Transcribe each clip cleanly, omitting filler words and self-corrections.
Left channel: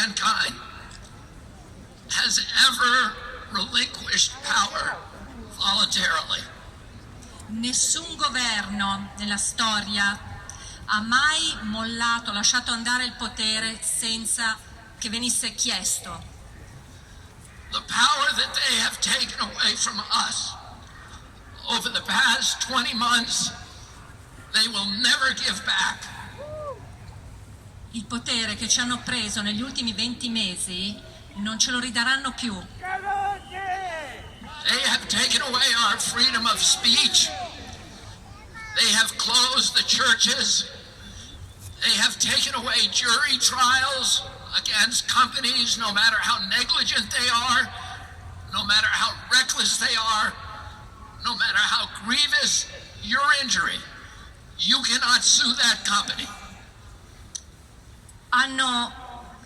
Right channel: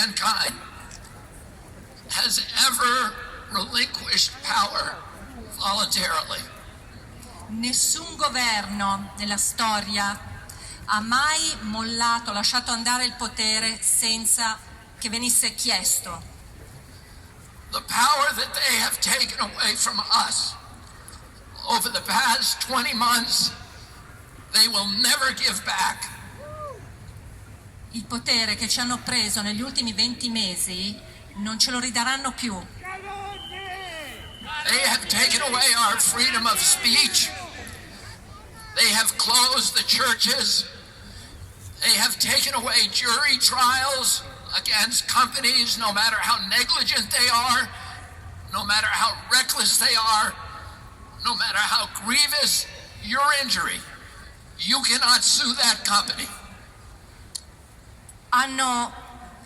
mankind has ever relinquished power voluntarily. Nessun governo nella storia ha mai mollato, lasciato andare il potere senza che venisse chiesto. The power that they have taken away from us over the past 20 months, they will never give back. Il potere che ci hanno preso negli ultimi 20 mesi non ce lo ridaranno più. They have taken away our freedom of speech. They have closed the churches. They have taken away jury trials against companies, no matter how negligent they are, no matter how reckless they are, no matter how grievous your injury. You cannot sue that company. Hanno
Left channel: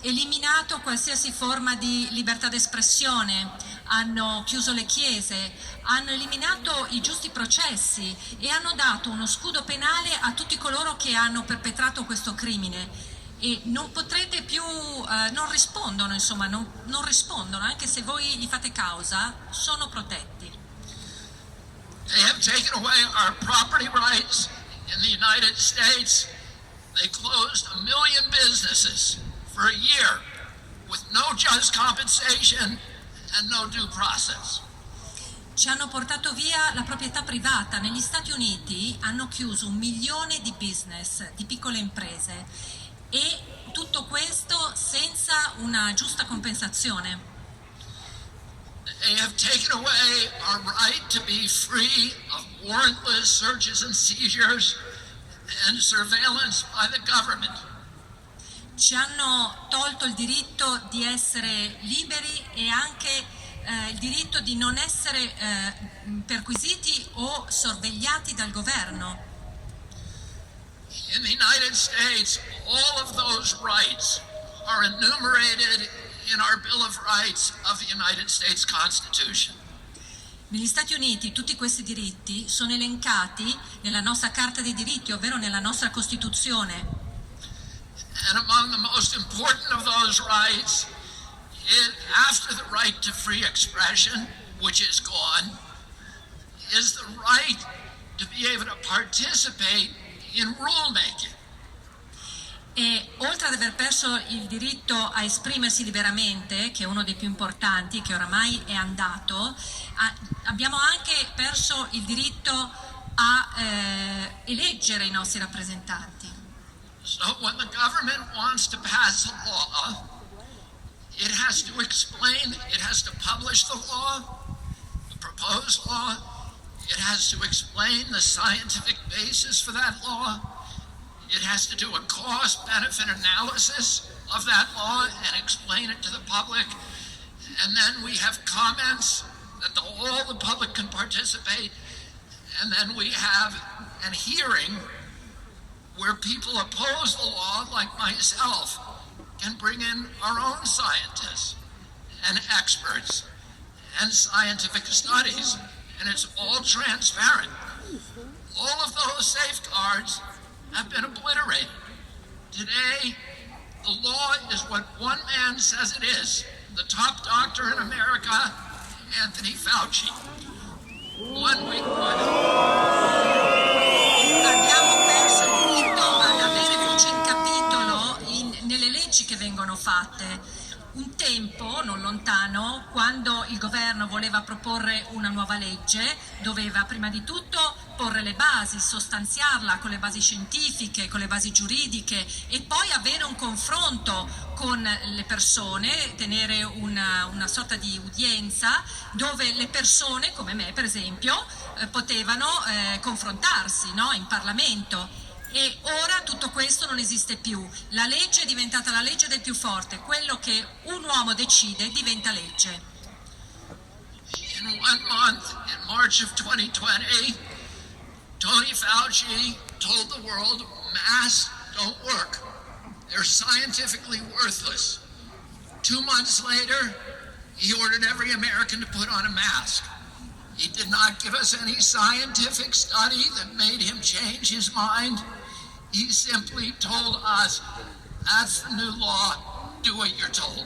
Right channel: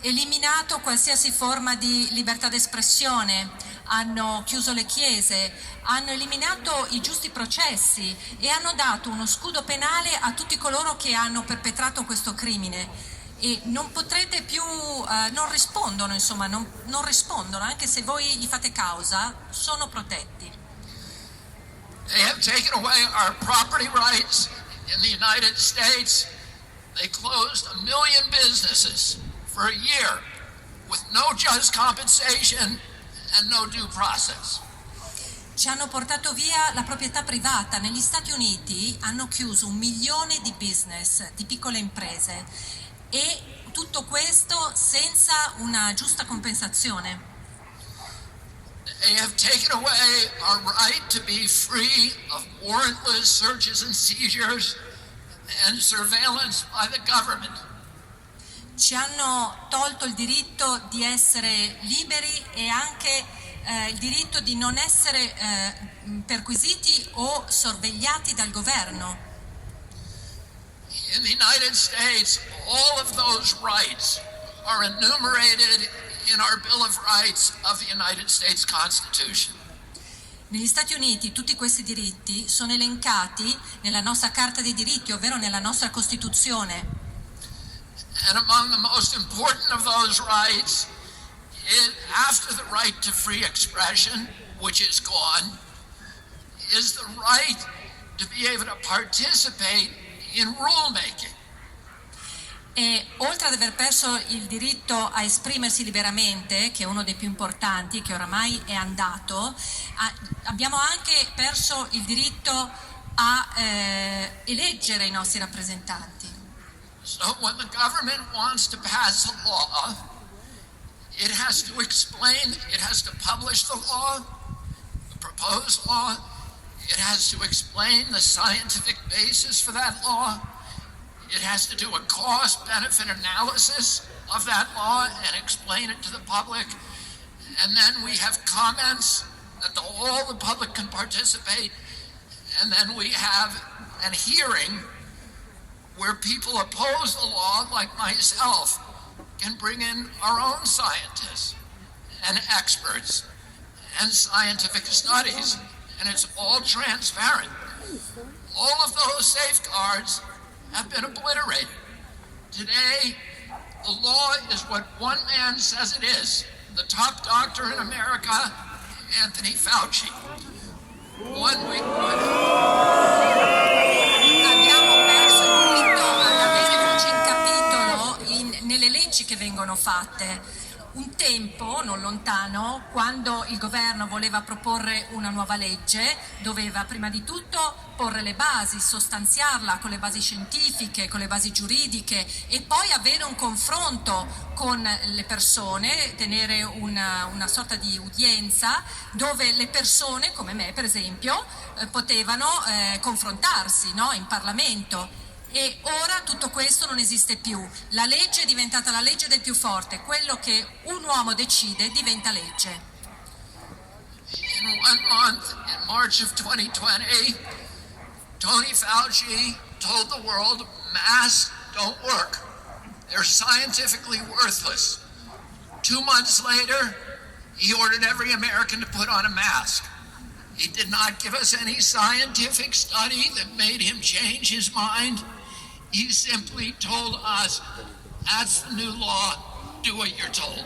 eliminato qualsiasi forma di libertà d'espressione, hanno chiuso le chiese, hanno eliminato i giusti processi e hanno dato uno scudo penale a tutti coloro che hanno perpetrato questo crimine. E non potrete più, non rispondono, insomma, non rispondono, anche se voi gli fate causa, sono protetti. They have taken away our property rights in the United States. They closed 1 million businesses for a year with no just compensation and no due process. Ci hanno portato via la proprietà privata. Negli Stati Uniti hanno chiuso 1 milione di business, di piccole imprese, e tutto questo senza una giusta compensazione. They have taken away our right to be free of warrantless searches and seizures and surveillance by the government. Ci hanno tolto il diritto di essere liberi e anche il diritto di non essere perquisiti o sorvegliati dal governo. In the United States, all of those rights are enumerated in our Bill of Rights of the United States Constitution. Negli Stati Uniti tutti questi diritti sono elencati nella nostra Carta dei diritti, ovvero nella nostra Costituzione. And among the most important of those rights, after the right to free expression, which is gone, is the right to be able to participate in rulemaking. E oltre ad aver perso il diritto a esprimersi liberamente, che è uno dei più importanti, che oramai è andato, abbiamo anche perso il diritto a eleggere i nostri rappresentanti. So when the government wants to pass a law, it has to explain, it has to publish the law, the proposed law, it has to explain the scientific basis for that law, it has to do a cost-benefit analysis of that law and explain it to the public, and then we have comments that all the public can participate, and then we have a hearing where people oppose the law, like myself, can bring in our own scientists and experts and scientific studies, and it's all transparent. All of those safeguards have been obliterated. Today, the law is what one man says it is, the top doctor in America, Anthony Fauci. 1 week Abbiamo perso il diritto ad avere voce in capitolo nelle leggi che vengono fatte. Un tempo, non lontano, quando il governo voleva proporre una nuova legge, doveva prima di tutto porre le basi, sostanziarla con le basi scientifiche, con le basi giuridiche e poi avere un confronto con le persone, tenere una sorta di udienza dove le persone, come me per esempio, potevano confrontarsi, no? In Parlamento. E ora tutto questo non esiste più. La legge è diventata la legge del più forte, quello che un uomo decide diventa legge. In 1 month, in March of 2020, Tony Fauci told the world masks don't work. They're scientifically worthless. 2 months later, he ordered every American to put on a mask. He did not give us any scientific study that made him change his mind. He simply told us, that's the new law, do what you're told.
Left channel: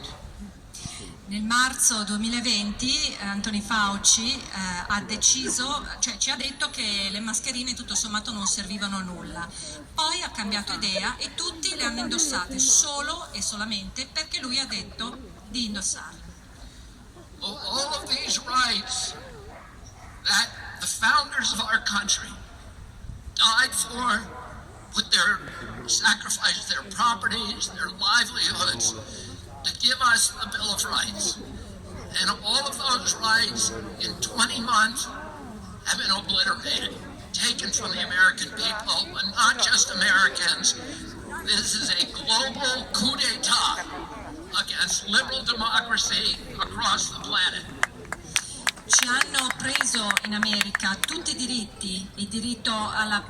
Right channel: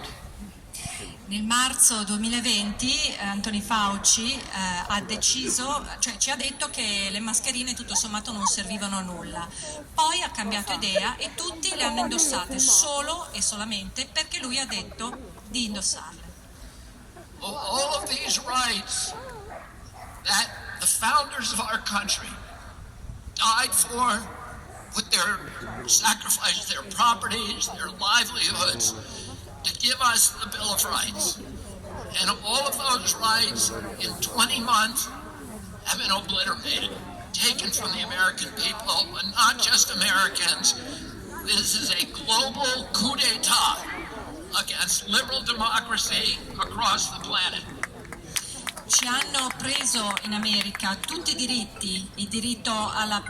Nel marzo 2020 Anthony Fauci ha deciso, cioè ci ha detto che le mascherine tutto sommato non servivano a nulla. Poi ha cambiato idea e tutti le hanno indossate solo e solamente perché lui ha detto di indossarle. All of these rights that the founders of our country died for, with their sacrifice, their properties, their livelihoods, to give us the Bill of Rights. And all of those rights in 20 months have been obliterated, taken from the American people, but not just Americans. This is a global coup d'etat against liberal democracy across the planet. Ci hanno preso in America tutti i diritti, il diritto alla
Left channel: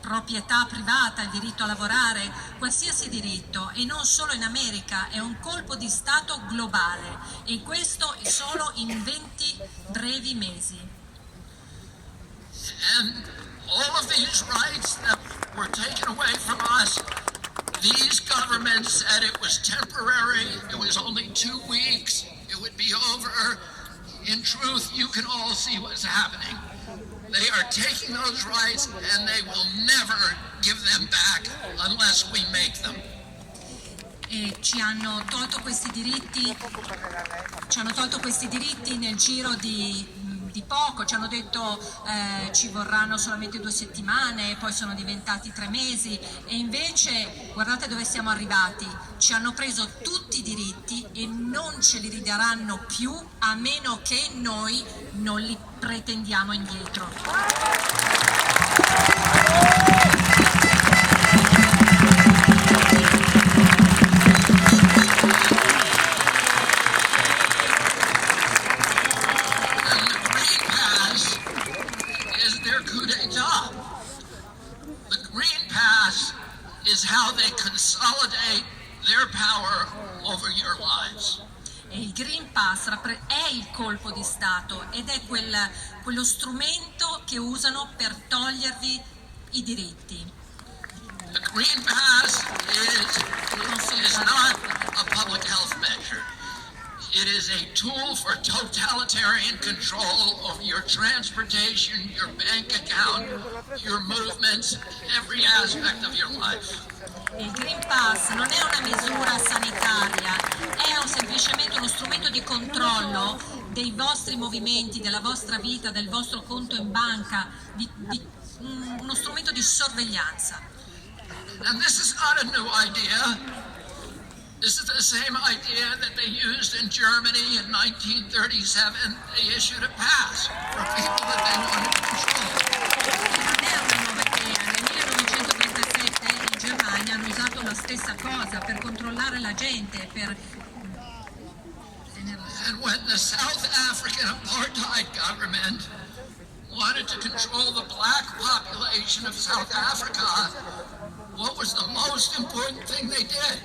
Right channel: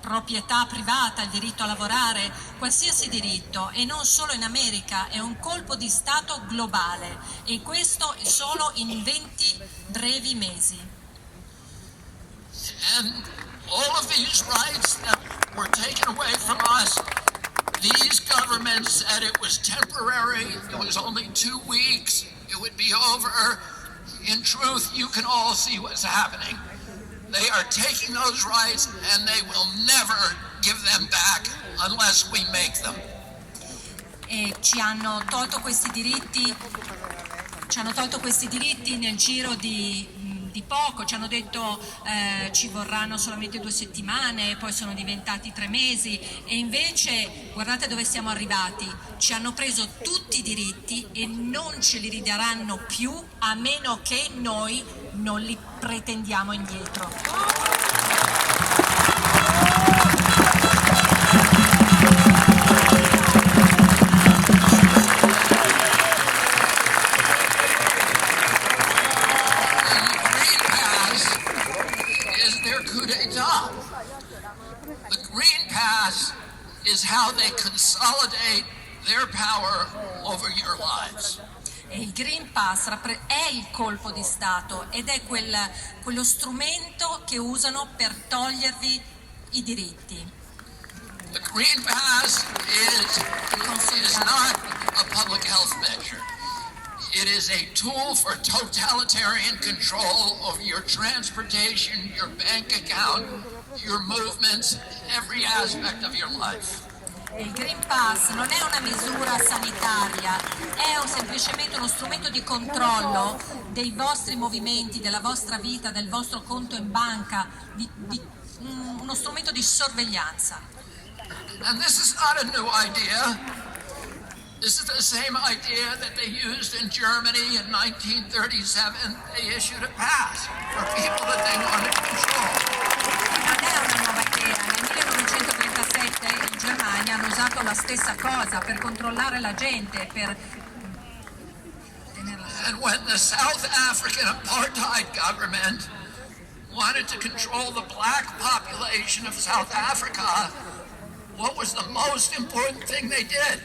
proprietà privata, il diritto a lavorare, qualsiasi diritto, e non solo in America, è un colpo di Stato globale e questo solo in 20 brevi mesi. And all of these rights that were taken away from us, these governments said it was temporary, it was only 2 weeks, it would be over. In truth, you can all see what's happening. They are taking those rights and they will never give them back unless we make them. E ci hanno tolto questi diritti nel giro di poco, ci hanno detto ci vorranno solamente 2 settimane, poi sono diventati 3 mesi e invece guardate dove siamo arrivati, ci hanno preso tutti i diritti e non ce li ridaranno più a meno che noi non li pretendiamo indietro. Is how they consolidate their power over your lives. E il Green Pass è il colpo di Stato ed è quello strumento che usano per togliervi i diritti. The Green Pass is not a public health measure. It is a tool for totalitarian control over your transportation, your bank account, your movements, every aspect of your life. Il Green Pass non è una misura sanitaria, è semplicemente uno strumento di controllo dei vostri movimenti, della vostra vita, del vostro conto in banca, uno strumento di sorveglianza. And this is not a new idea. This is the same idea that they used in Germany in 1937. They issued a pass for people that they wanted to control. Non è una nuova idea. Nel 1937 in Germania hanno usato la stessa cosa per controllare la gente, per tenerla. And when the South African apartheid government wanted to control the black population of South Africa, what was the most important thing they did?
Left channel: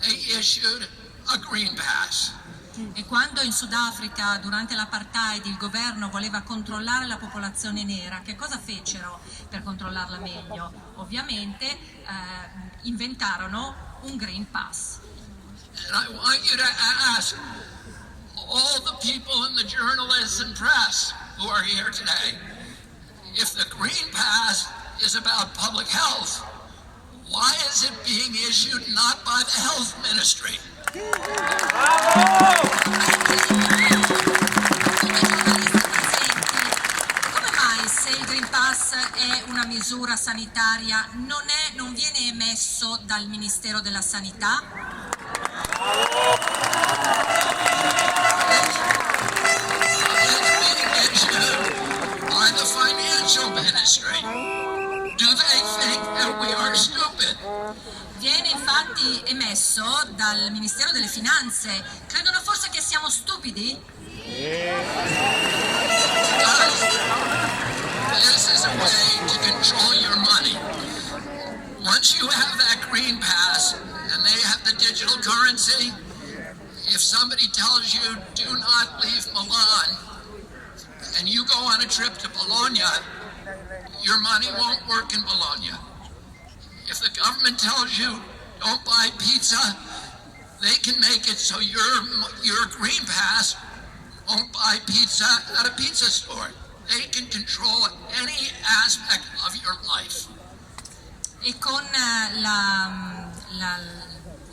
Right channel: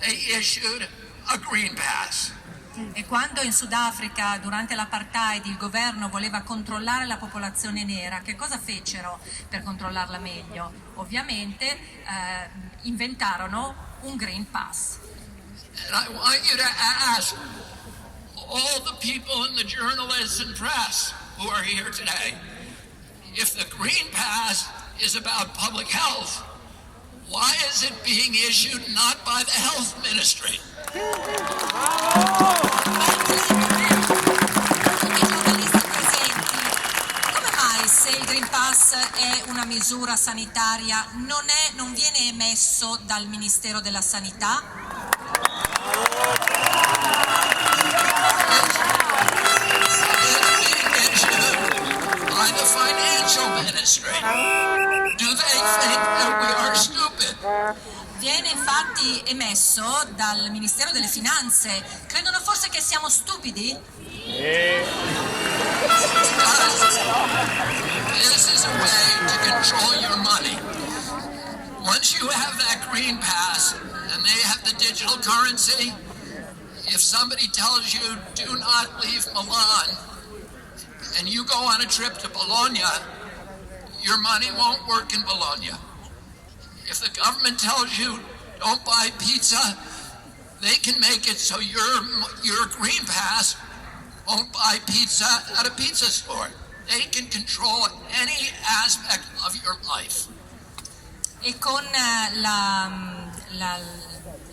They issued a green pass. E quando in Sudafrica durante l'apartheid il governo voleva controllare la popolazione nera, che cosa fecero per controllarla meglio? Ovviamente inventarono un Green Pass. And I want you to ask all the people in the journalists and press who are here today, if the Green Pass is about public health, why is it being issued not by the health ministry? Come mai, se il Green Pass è una misura sanitaria, non viene emesso dal Ministero della Sanità? It's being issued by the financial ministry. Do they think that we are stupid? Viene infatti emesso dal Ministero delle Finanze. Credono forse che siamo stupidi? This is a way to control your money. Once you have that green pass and they have the digital currency, if somebody tells you do not leave Milan and you go on a trip to Bologna, your money won't work in Bologna. If the government tells you don't buy pizza, they can make it so your Green Pass won't buy pizza at a pizza store. They can control any aspect of your life. E con il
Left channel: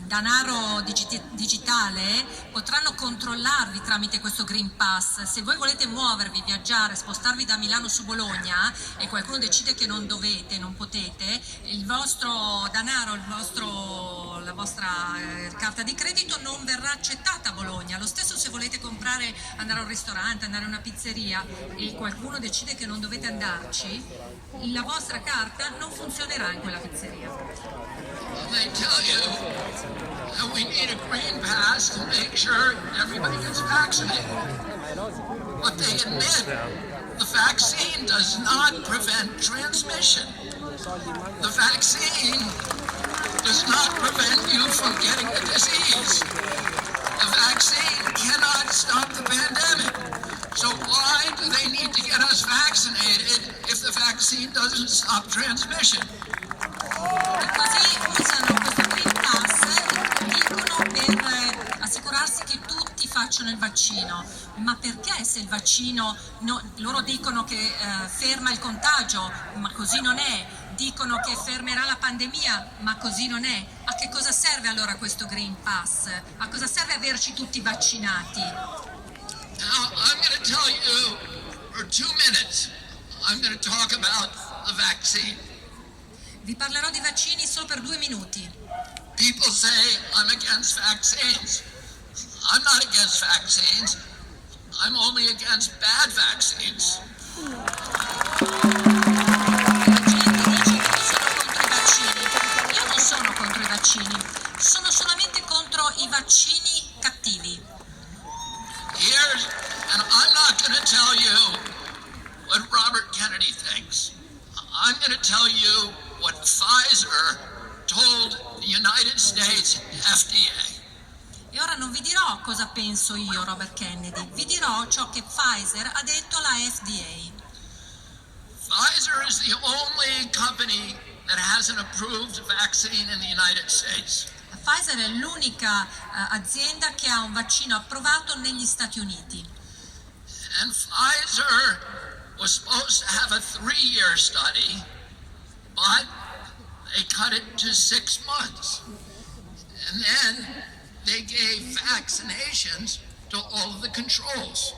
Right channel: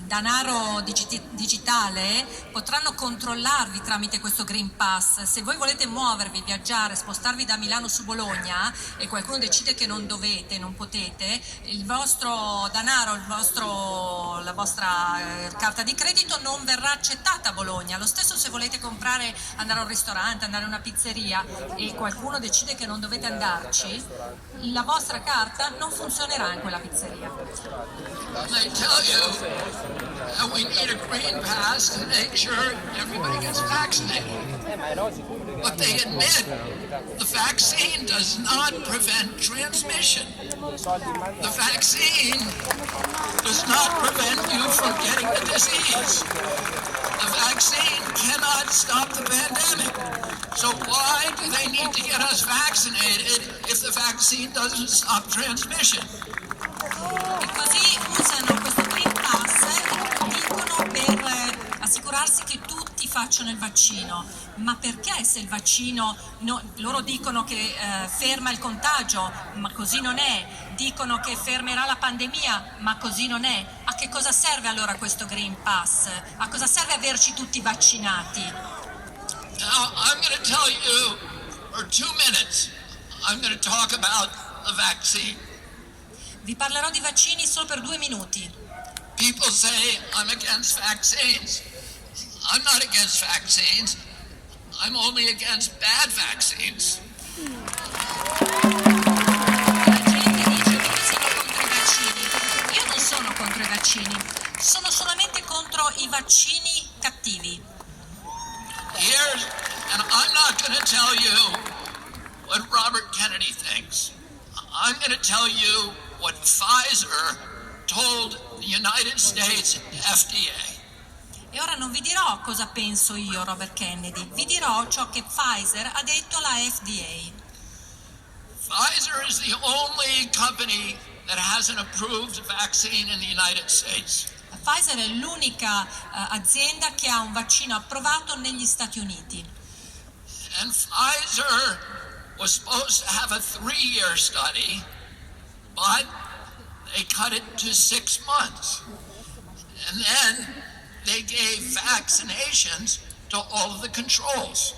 denaro digitale potranno controllarvi tramite questo Green Pass. Se voi volete muovervi, viaggiare, spostarvi da Milano su Bologna e qualcuno decide che non dovete, non potete, il vostro denaro, la vostra carta di credito non verrà accettata a Bologna. Lo stesso se volete comprare, andare a un ristorante, andare a una pizzeria e qualcuno decide che non dovete andarci, la vostra carta non funzionerà in quella pizzeria. They tell you that we need a green pass to make sure everybody gets vaccinated. But they admit the vaccine does not prevent transmission. The vaccine does not prevent you from getting the disease. The vaccine cannot stop the pandemic. So why do they need to get us vaccinated if the vaccine doesn't stop transmission? Così usano questo Green Pass e dicono per assicurarsi che tutti facciano il vaccino. Ma perché se il vaccino, loro dicono che ferma il contagio, ma così non è, dicono che fermerà la pandemia, ma così non è. A che cosa serve allora questo Green Pass? A cosa serve averci tutti vaccinati? Now, I'm going to tell you, for 2 minutes, I'm going to talk about the vaccine. Vi parlerò di vaccini solo per 2 minuti. People say I'm against vaccines. I'm not against vaccines. I'm only against bad vaccines. La gente dice che sono contro i vaccini. Io non sono contro i vaccini, sono solamente contro i vaccini cattivi. And I'm not going to tell you what Robert Kennedy thinks. I'm going to tell you what Pfizer told the United States FDA. E ora non vi dirò cosa penso io, Robert Kennedy, vi dirò ciò che Pfizer ha detto alla FDA. Pfizer is the only company that has an approved vaccine in the United States. Pfizer è l'unica azienda che ha un vaccino approvato negli Stati Uniti. And Pfizer was supposed to have a 3-year study, but they cut it to 6 months. And then they gave vaccinations to all of the controls.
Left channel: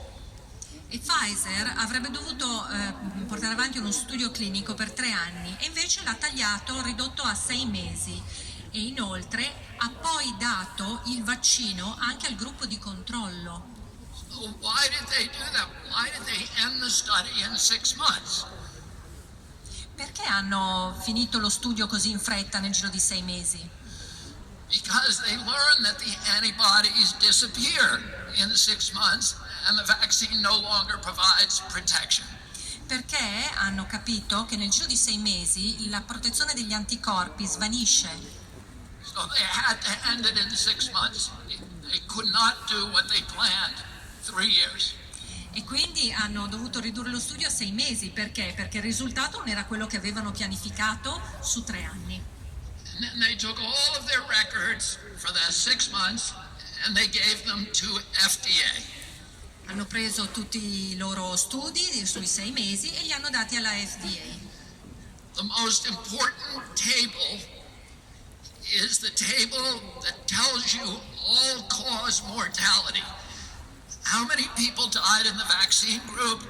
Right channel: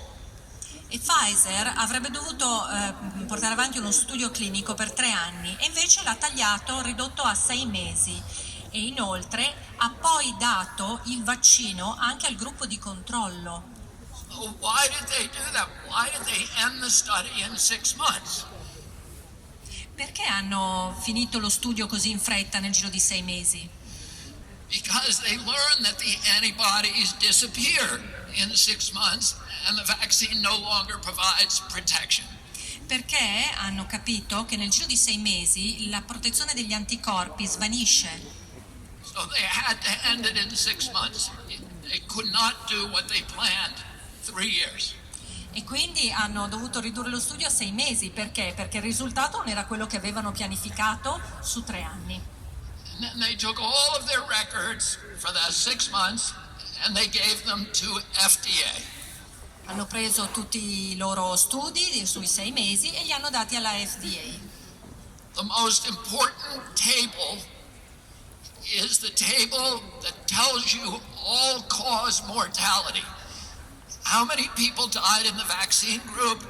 E Pfizer avrebbe dovuto portare avanti uno studio clinico per 3 anni e invece l'ha tagliato, ridotto a 6 mesi. E inoltre ha poi dato il vaccino anche al gruppo di controllo. Why did they do that? Why did they end the study in 6 months? Perché hanno finito lo studio così in fretta nel giro di 6 mesi? Because they learned that the antibodies disappear in 6 months and the vaccine no longer provides protection. Perché hanno capito che nel giro di 6 mesi la protezione degli anticorpi svanisce. So they had to end it in 6 months. They could not do what they planned 3 years. E quindi hanno dovuto ridurre lo studio a 6 mesi. Perché? Perché il risultato non era quello che avevano pianificato su 3 anni. And then they took all of their records for that 6 months and they gave them to FDA. Hanno preso tutti i loro studi sui 6 mesi e li hanno dati alla FDA. The most important table is the table that tells you all-cause mortality. How many people died in the vaccine group?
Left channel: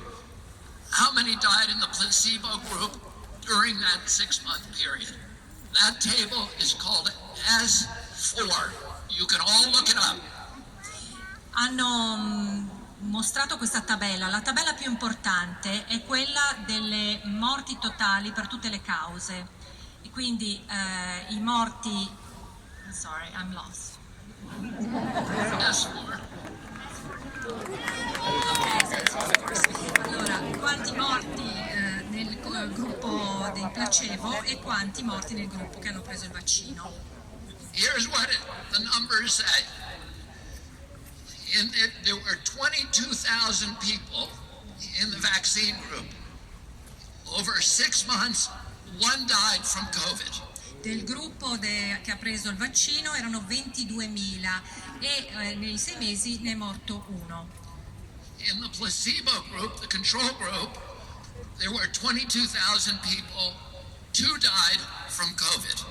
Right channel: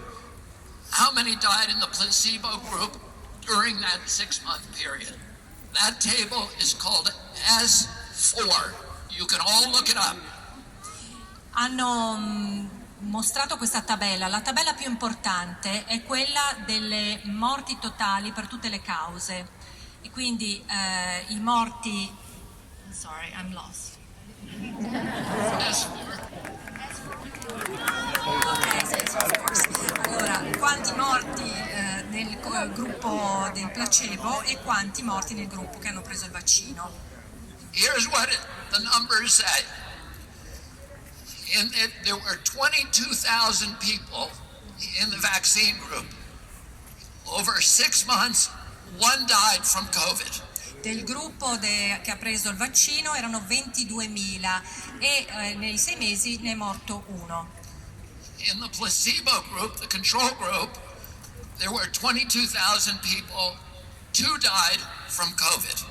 How many died in the placebo group during that 6-month period? That table is called S4. You can all look it up. Hanno mostrato questa tabella. La tabella più importante è quella delle morti totali per tutte le cause. E quindi i morti... Sorry, I'm lost. S4. Ok, allora, quanti morti nel gruppo del placebo e quanti morti nel gruppo che hanno preso il vaccino? Here's what the numbers say. There were 22,000 people in the vaccine group. Over 6 months, 1 died from COVID. Del gruppo che ha preso il vaccino erano 22.000 e nei 6 mesi ne è morto uno. In the placebo group, the control group, there were 22,000 people. 2 died from COVID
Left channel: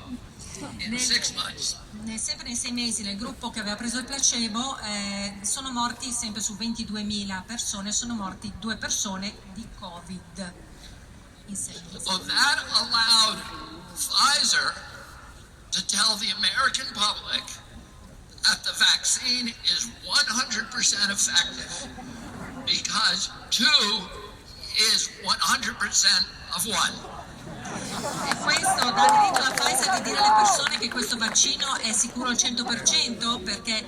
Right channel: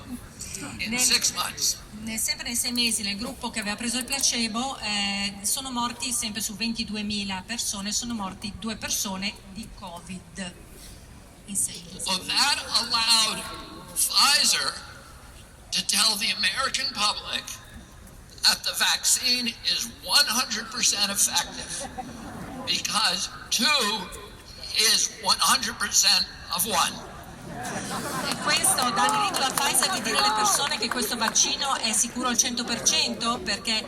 in 6 months. Sempre nei 6 mesi nel gruppo che aveva preso il placebo sono morti, sempre su 22.000 persone, sono morti 2 persone di Covid in 6 mesi. So that allowed Pfizer to tell the American public that the vaccine is 100% effective because 2 is 100% of 1. E questo dà diritto a Pfizer di dire alle persone che questo vaccino è sicuro al 100% perché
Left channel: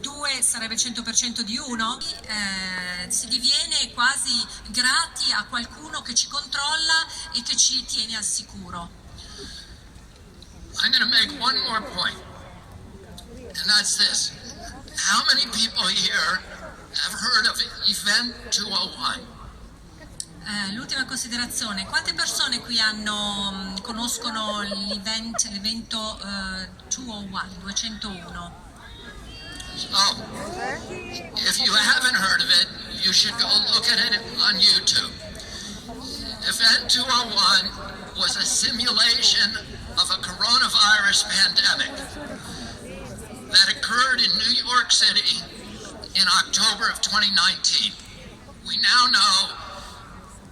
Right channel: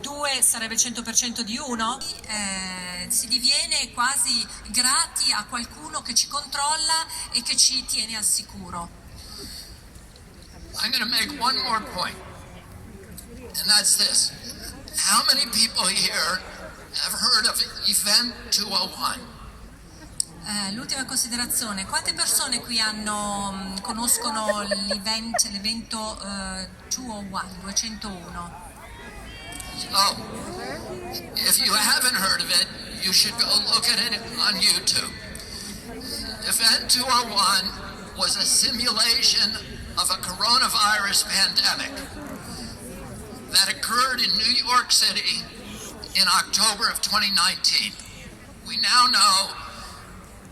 2 sarebbe il 100% di 1. Si diviene quasi grati a qualcuno che ci controlla e che ci tiene al sicuro. I'm going to make one more point, and that's this. How many people here have heard of Event 201? L'ultima considerazione, quante persone qui conoscono l'evento 201? So, if you haven't heard of it, you should go look at it on YouTube. Event 201 was a simulation of a coronavirus pandemic that occurred in New York City in October of 2019. We now know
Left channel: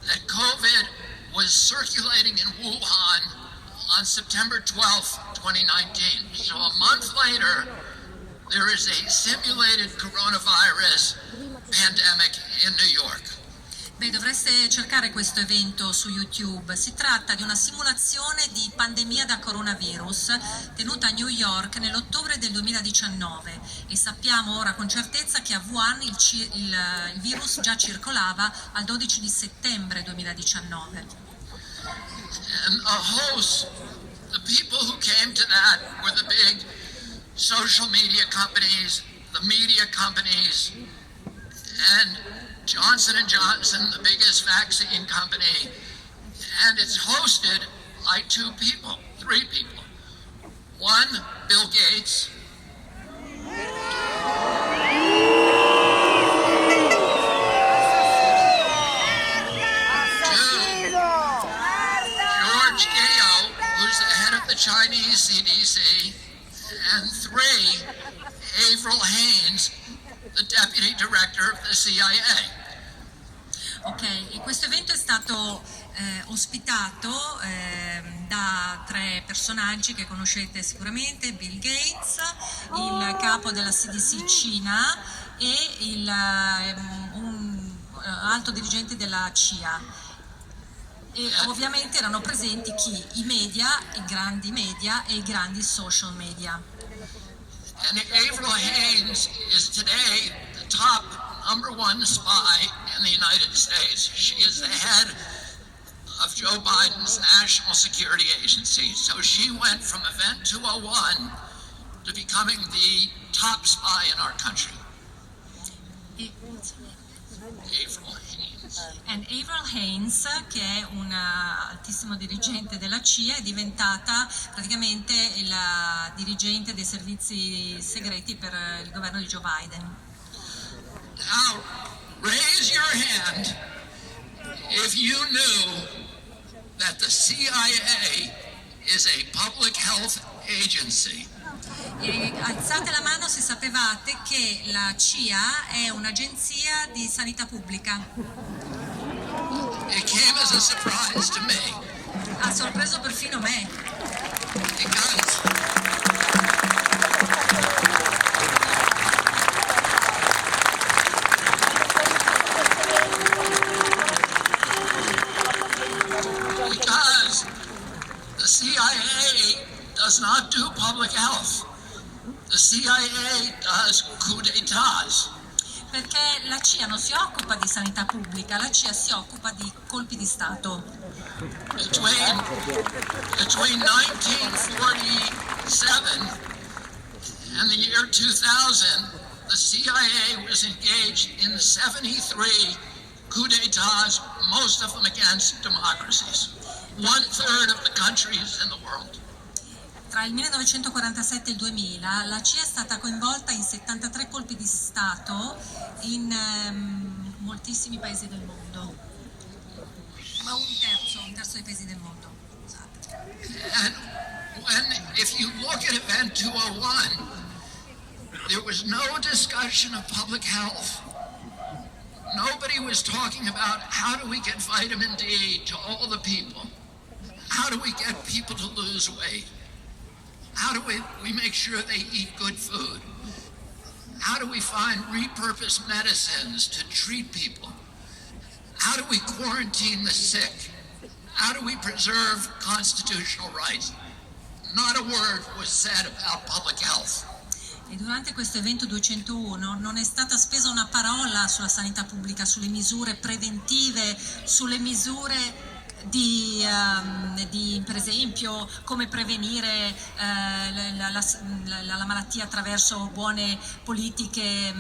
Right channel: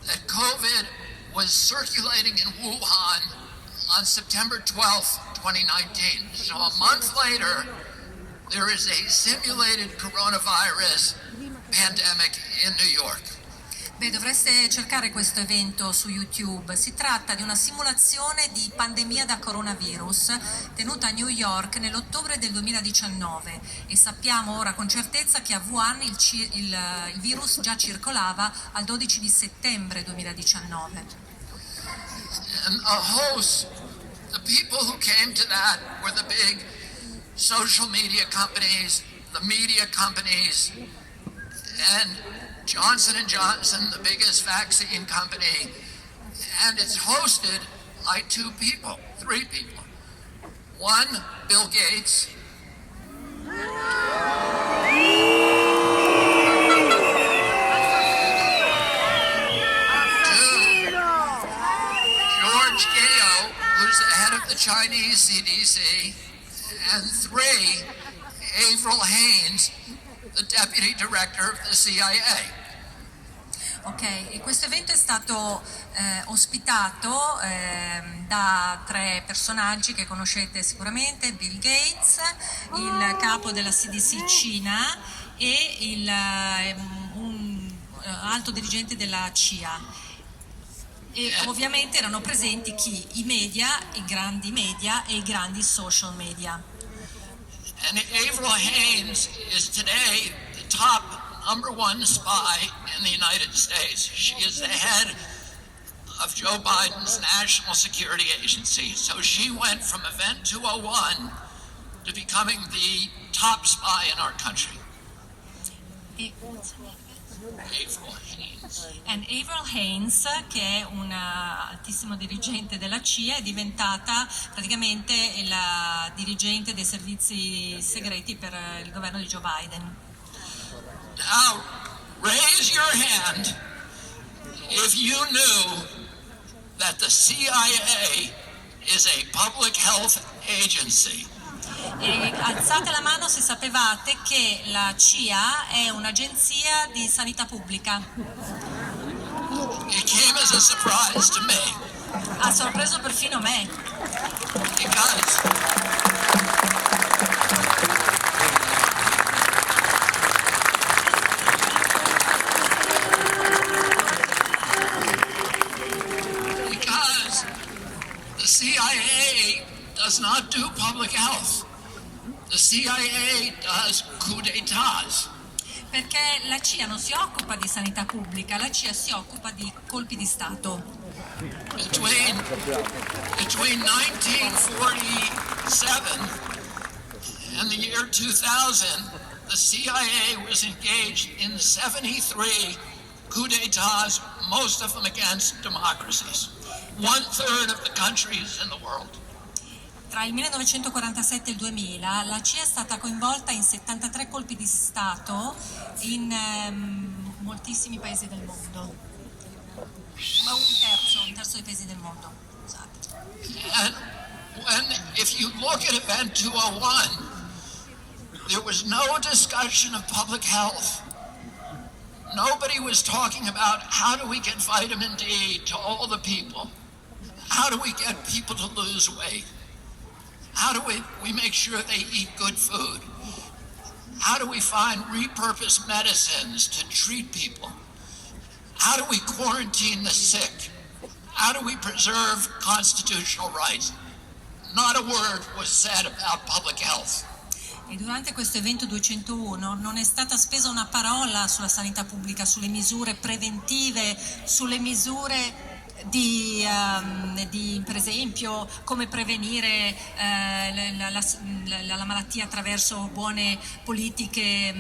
that COVID was circulating in Wuhan on September 12th, 2019. So a month later, there is a simulated coronavirus pandemic in New York. Beh, dovreste cercare questo evento su YouTube. Si tratta di una simulazione di pandemia da coronavirus tenuta a New York nell'ottobre del 2019 e sappiamo ora con certezza che a Wuhan il virus già circolava al 12 di settembre 2019. And a host, the people who came to that were the big social media companies, the media companies, and Johnson & Johnson, the biggest vaccine company, and it's hosted by 3 people. One, Bill Gates. 2, George Gao, who's the head of the Chinese CDC, and 3, Avril Haines, the deputy director of the CIA. Ok, e questo evento è stato ospitato da 3 personaggi che conoscete sicuramente: Bill Gates, il capo della CDC Cina e un alto dirigente della CIA. E ovviamente erano presenti chi? I media, i grandi media e i grandi social media. And Avril Haines is today the top #1 spy in the United States. She is the head of Joe Biden's National Security Agency. So she went from Event 201 to becoming the top spy in our country. Avril Haines. And Avril Haines, che è un altissimo dirigente della CIA, è diventata praticamente la dirigente dei servizi segreti per il governo di Joe Biden. Now, raise your hand if you knew that the CIA is a public health agency. E alzate la mano se sapevate che la CIA è un'agenzia di sanità pubblica. It came as a surprise to me. Ha sorpreso perfino me. Because the CIA does not do public health. The CIA does coup d'états. Perché la CIA non si occupa di sanità pubblica, la CIA si occupa di colpi di Stato. Between 1947 and the year 2000, the CIA was engaged in 73 coup d'états, most of them against democracies. 1/3 of the countries in the world. Tra il 1947 e il 2000 la CIA è stata coinvolta in 73 colpi di Stato in moltissimi paesi del mondo. Ma un terzo dei paesi del mondo. And if you look at Event 201, there was no discussion of public health. Nobody was talking about how do we get vitamin D to all the people? How do we get people to lose weight? How do we make sure they eat good food? How do we find repurposed medicines to treat people? How do we quarantine the sick? How do we preserve constitutional rights? Not a word was said about public health. E durante questo evento 201 non è stata spesa una parola sulla sanità pubblica, sulle misure preventive, sulle misure di per esempio come prevenire la malattia attraverso buone politiche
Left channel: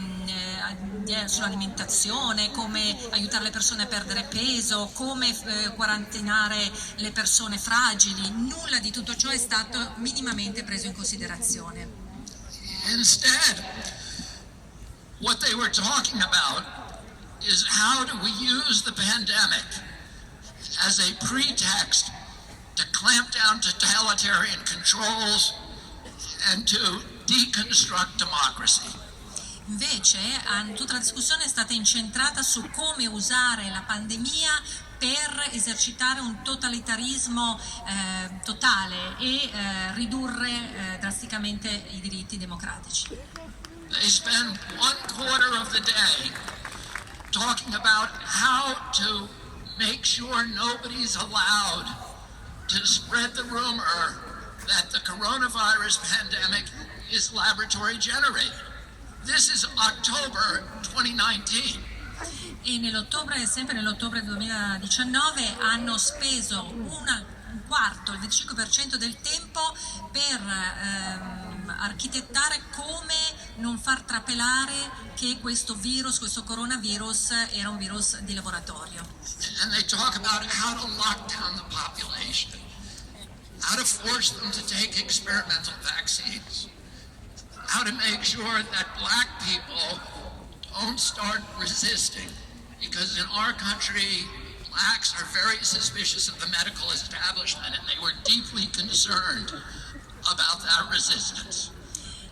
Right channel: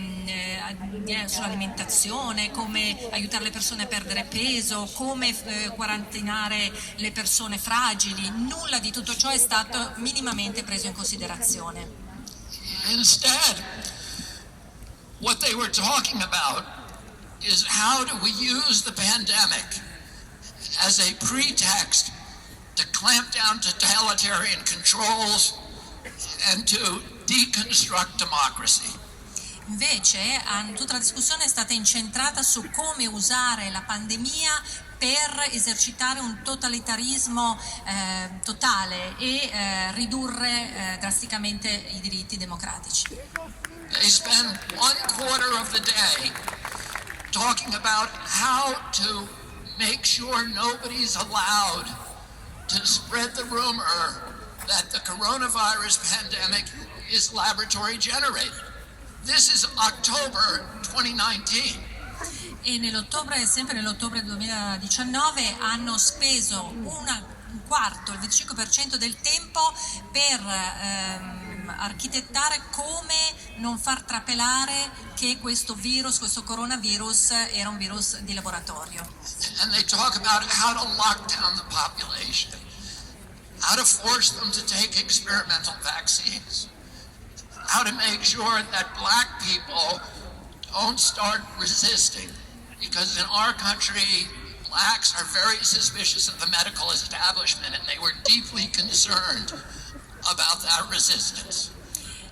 sull'alimentazione, come aiutare le persone a perdere peso, come quarantinare le persone fragili. Nulla di tutto ciò è stato minimamente preso in considerazione. Instead, what they were talking about is how do we use the pandemic as a pretext to clamp down totalitarian controls and to deconstruct democracy. Invece tutta la discussione è stata incentrata su come usare la pandemia per esercitare un totalitarismo totale e ridurre drasticamente i diritti democratici. They spend 1/4 of the day talking about how to make sure nobody's allowed to spread the rumor that the coronavirus pandemic is laboratory generated. This is October 2019. E sempre nell'ottobre 2019 hanno speso un quarto, il 25% del tempo per architettare come non far trapelare che questo coronavirus era un virus di laboratorio. And they talk about how to lock down the population, how to force them to take experimental vaccines, how to make sure that black people don't start resisting, because in our country blacks are very suspicious of the medical establishment and they were deeply concerned about that resistance.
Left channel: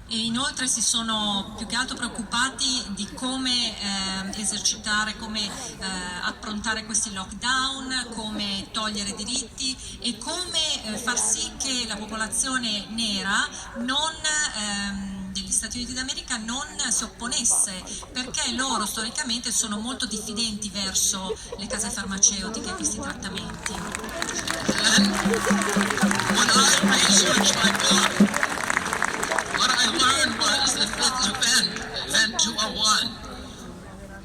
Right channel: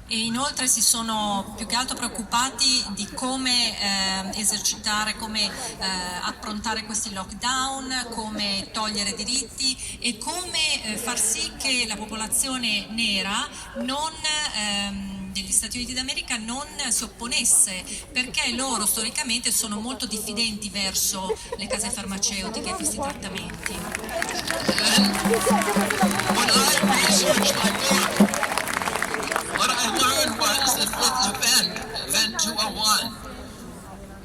E inoltre si sono più che altro preoccupati di come esercitare, come approntare questi lockdown, come togliere diritti e come far sì che la popolazione nera degli Stati Uniti d'America non si opponesse, perché loro storicamente sono molto diffidenti verso le case farmaceutiche e questi trattamenti. When I researched my book, what I learned was that event 201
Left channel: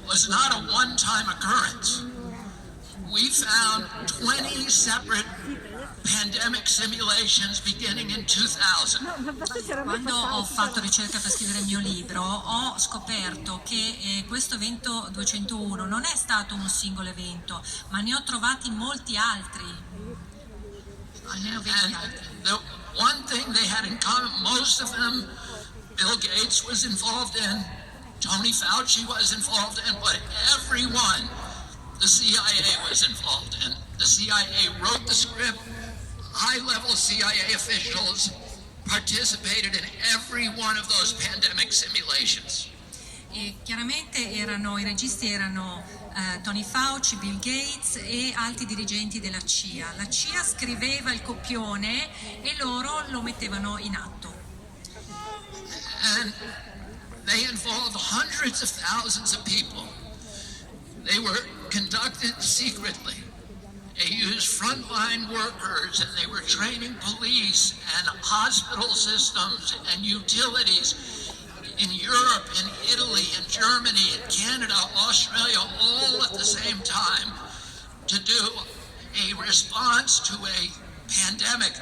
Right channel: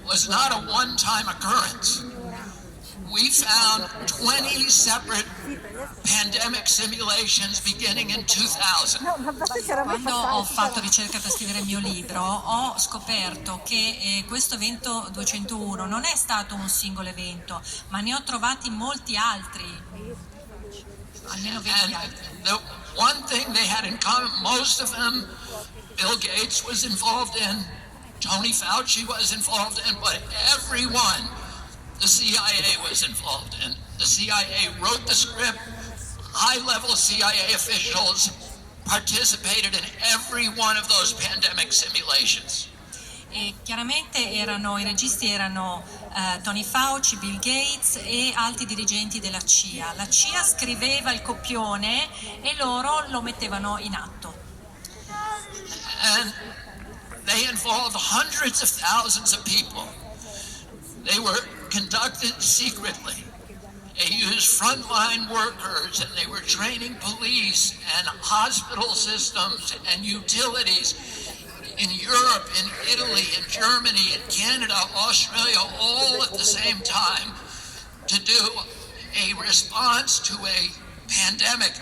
was not a one-time occurrence. We found 20 separate pandemic simulations beginning in 2000. Quando ho fatto ricerca per scrivere il mio libro ho scoperto che questo evento 201 non è stato un singolo evento, ma ne ho trovati molti altri, almeno 20 altri. The one thing they had in common, most of them, Bill Gates was involved in, Tony Fauci was involved in, but everyone the CIA was involved in. The CIA wrote the script. High-level CIA officials participated in every one of those pandemic simulations. E chiaramente i registi erano Tony Fauci, Bill Gates e altri dirigenti della CIA. La CIA scriveva il copione e loro lo mettevano in atto. And they involved hundreds of thousands of people. They were conducted secretly. They used frontline workers, and they were training police and hospital systems and utilities in Europe, in Italy, in Germany, in Canada, Australia, all at the same time to do a response to a pandemic.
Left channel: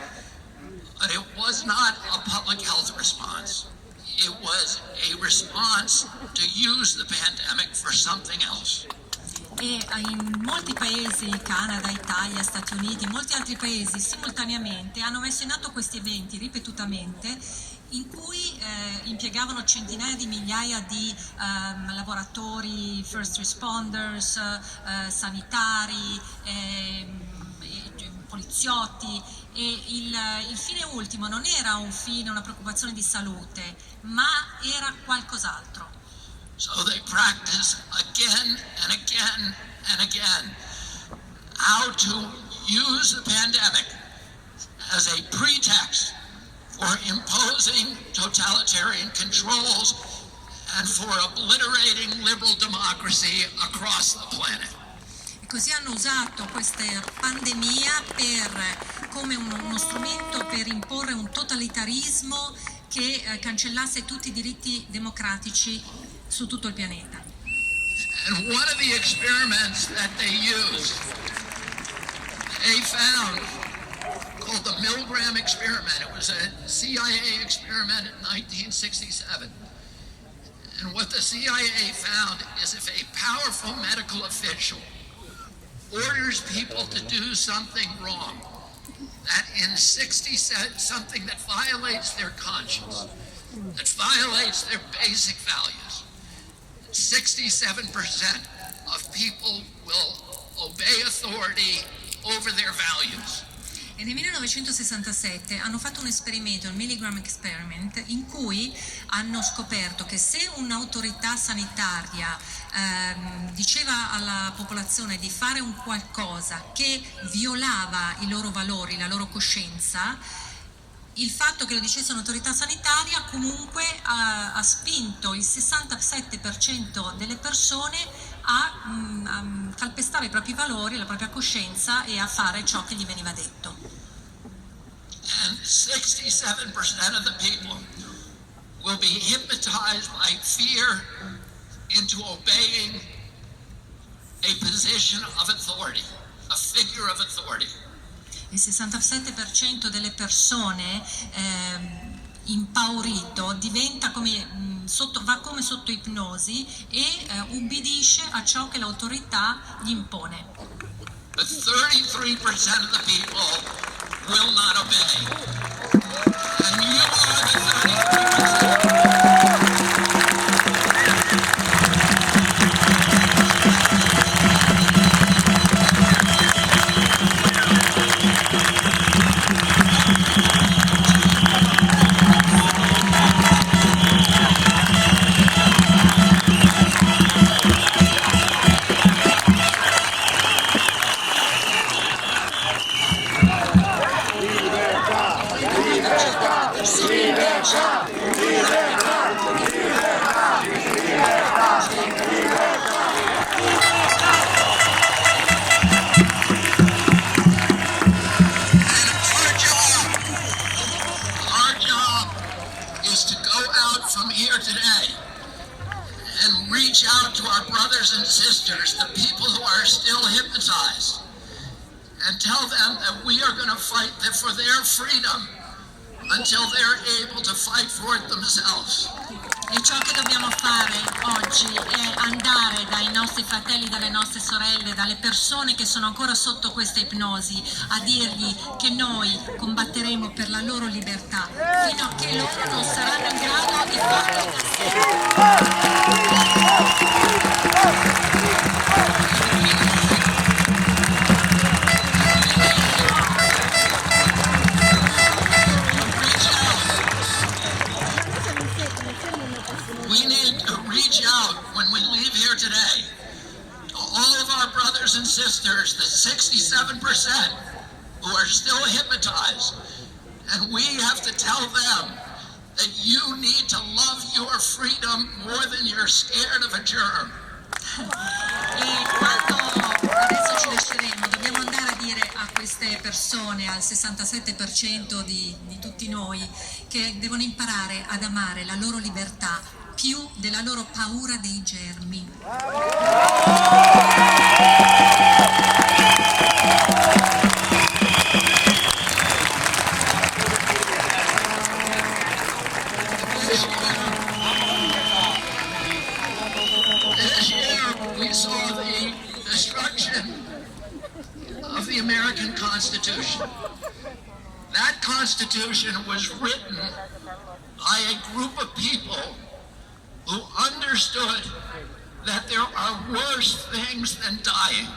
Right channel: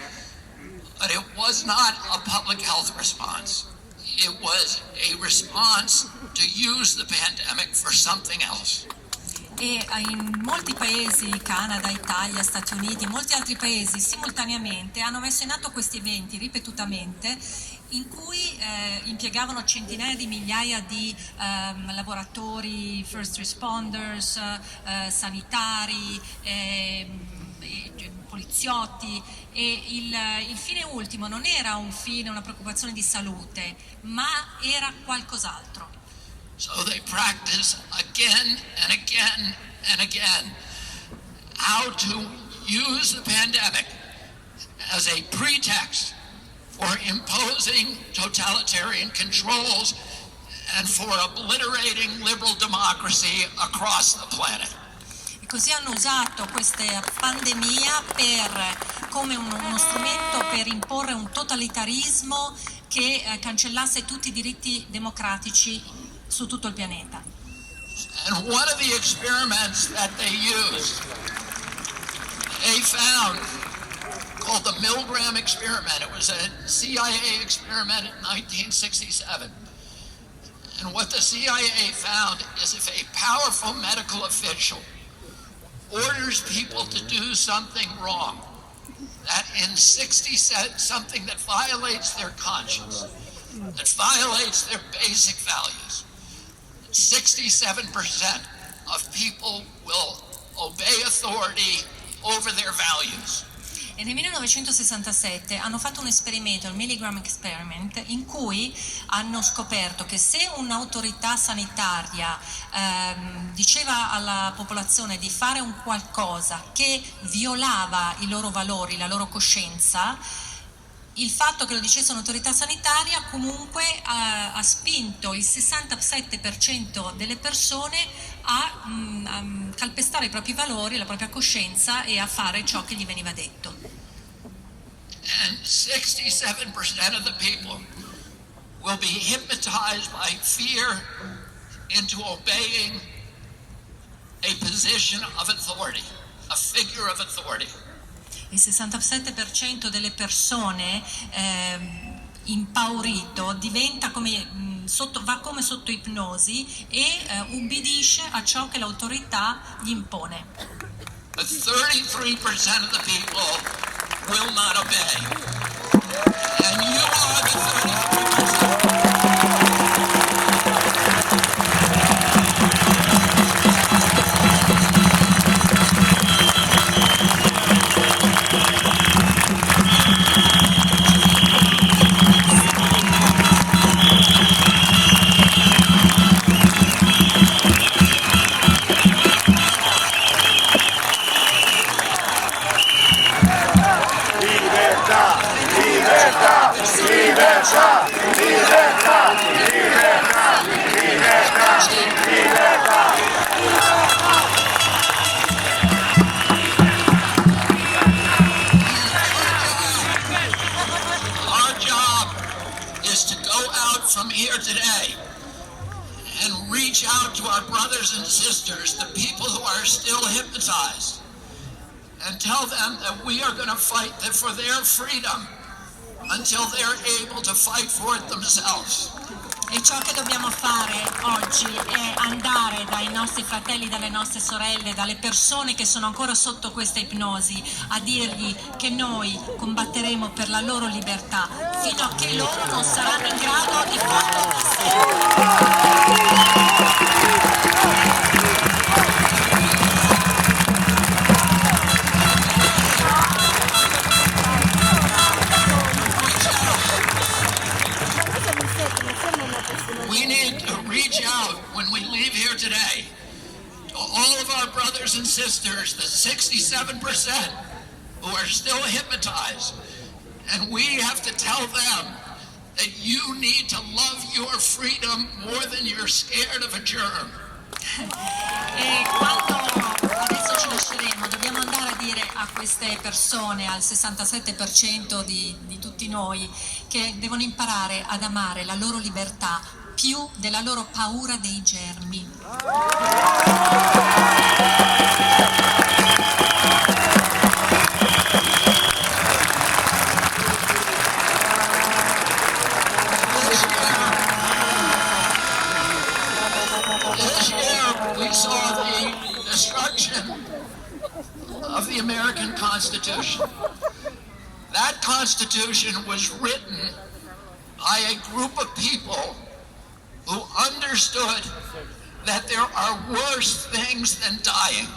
But it was not a public health response. It was a response to use the pandemic for something else. E in molti paesi, Canada, Italia, Stati Uniti, molti altri paesi simultaneamente hanno messo in atto questi eventi ripetutamente in cui impiegavano centinaia di migliaia di lavoratori, first responders, sanitari, poliziotti, e il fine ultimo non era un fine, una preoccupazione di salute, ma era qualcos'altro. So they practice again and again and again how to use the pandemic as a pretext for imposing totalitarian controls and for obliterating liberal democracy across the planet. E così hanno usato questa pandemia come uno strumento per imporre un totalitarismo che cancellasse tutti i diritti democratici su tutto il pianeta. And one of the experiments that they used, they found, called the Milgram experiment. It was a CIA experiment in 1967. And what the CIA found is if a powerful medical official orders people to do something wrong, that in 60 something that violates their conscience, that violates their basic values, 67% of people will obey authority over their values. E nel 1967 hanno fatto un esperimento, il Milgram Experiment, in cui hanno scoperto che se un'autorità sanitaria diceva alla popolazione di fare un qualcosa che violava i loro valori, la loro coscienza, il fatto che lo dicesse un'autorità sanitaria comunque ha spinto il 67% delle persone a calpestare i propri valori, la propria coscienza e a fare ciò che gli veniva detto. And 67% of the people will be hypnotized by fear into obeying a position of authority, a figure of authority. Il 67% delle persone impaurito diventa va come sotto ipnosi e ubbidisce a ciò che l'autorità gli impone. But 33% of the people will not obey. And you are the 33%. From here today and reach out to our brothers and sisters, the people who are still hypnotized, and tell them that we are going to fight for their freedom until they're able to fight for it themselves. E ciò che dobbiamo fare oggi è andare dai nostri fratelli, dalle nostre sorelle, dalle persone che sono ancora sotto questa ipnosi, a dirgli che noi combatteremo per la loro libertà fino a che loro non saranno in grado di farlo da sé. When we leave here today, to all of our brothers and sisters, the 67% who are still hypnotized, and we have to tell them that you need to love your freedom more than you're scared of a germ. E quando adesso ci lasceremo, dobbiamo andare a dire a queste persone, al 67% di tutti noi, che devono imparare ad amare la loro libertà più della loro paura dei germi. This year we saw the destruction of the American Constitution. That Constitution was written by a group of people who understood that there are worse things than dying.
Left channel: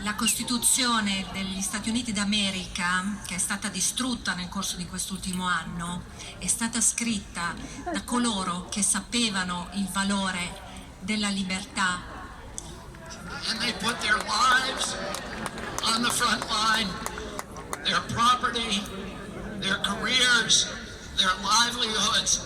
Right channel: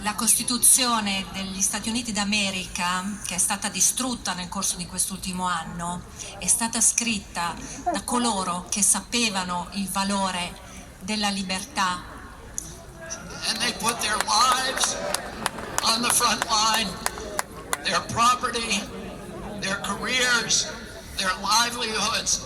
La Costituzione degli Stati Uniti d'America, che è stata distrutta nel corso di quest'ultimo anno, è stata scritta da coloro che sapevano il valore della libertà. And they put their lives on the front line, their property, their careers, their livelihoods,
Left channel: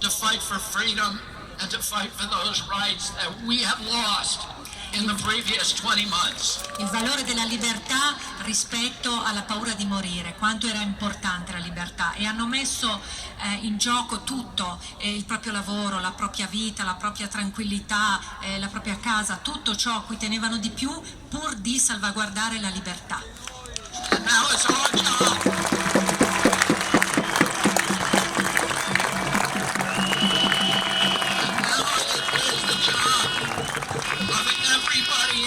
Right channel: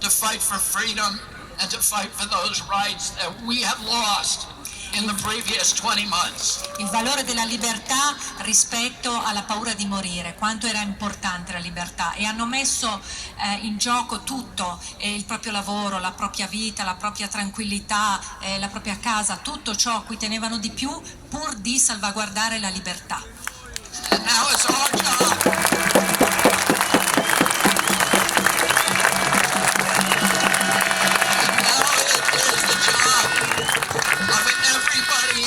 to fight for freedom and to fight for those rights that we have lost in the previous 20 months. Il valore della libertà rispetto alla paura di morire, quanto era importante la libertà, e hanno messo in gioco tutto, il proprio lavoro, la propria vita, la propria tranquillità, la propria casa, tutto ciò a cui tenevano di più pur di salvaguardare la libertà. And now it's our job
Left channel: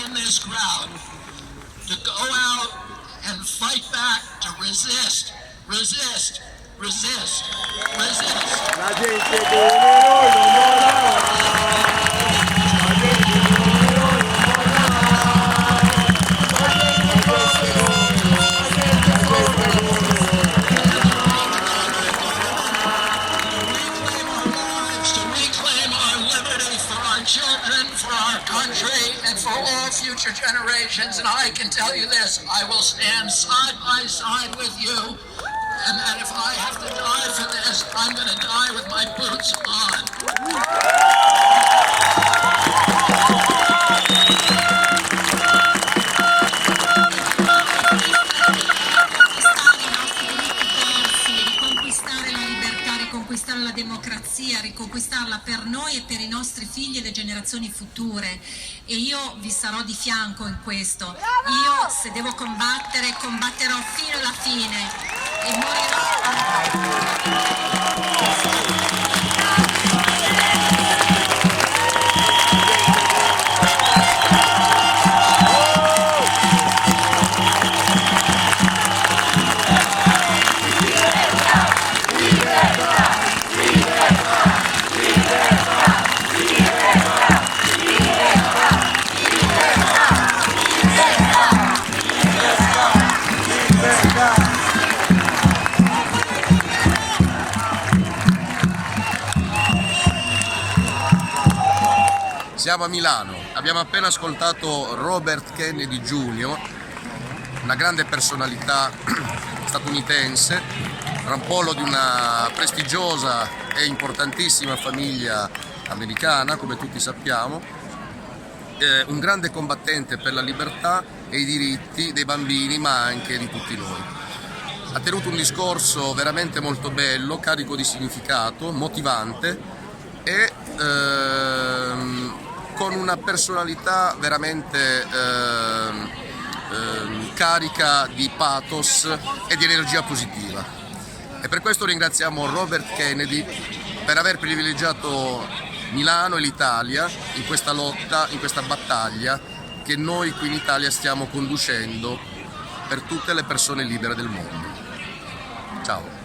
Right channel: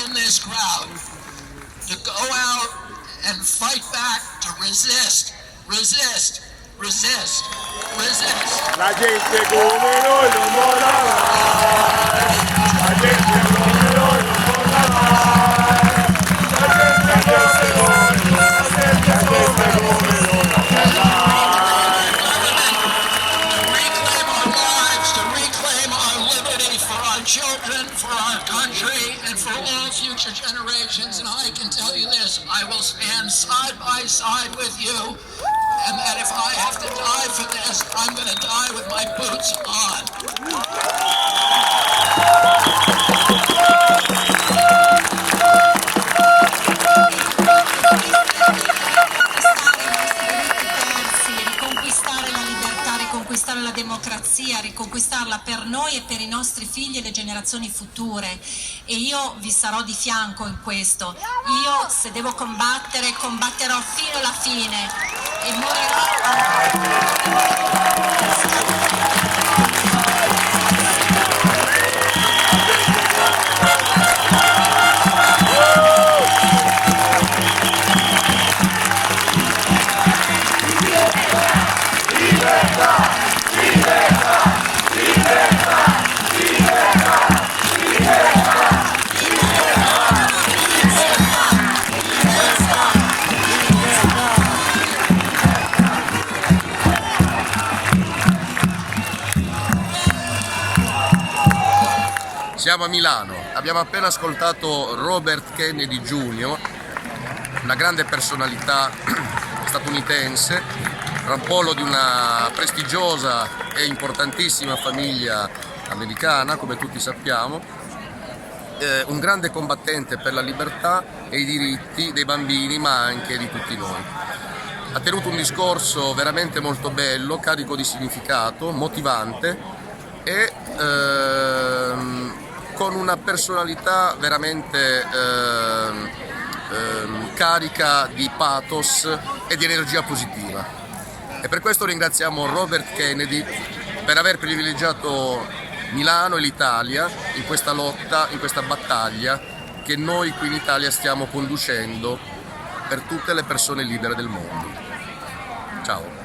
in this crowd to go out and fight back, to resist, resist, resist, resist. La gente come noi non children, for our country, and for all future generations. And I can tell you this, I will stand side by side with you, and that if I have to die for this, I'm going to die with my boots on. Riconquistare la democrazia, riconquistarla per noi e per i nostri figli e le generazioni future, e io vi sarò di fianco in questo. Io, se devo combattere, combatterò fino alla fine e morirò. Siamo a Milano, abbiamo appena ascoltato Robert Kennedy Jr., una grande personalità statunitense, rampollo di una prestigiosa e importantissima famiglia americana, come tutti sappiamo, un grande combattente per la libertà e i diritti dei bambini, ma anche di tutti noi. Ha tenuto un discorso veramente molto bello, carico di significato, motivante e con una personalità veramente carica di pathos e di energia positiva. E per questo ringraziamo Robert Kennedy per aver privilegiato Milano e l'Italia in questa lotta, in questa battaglia che noi qui in Italia stiamo conducendo per tutte le persone libere del mondo. Ciao!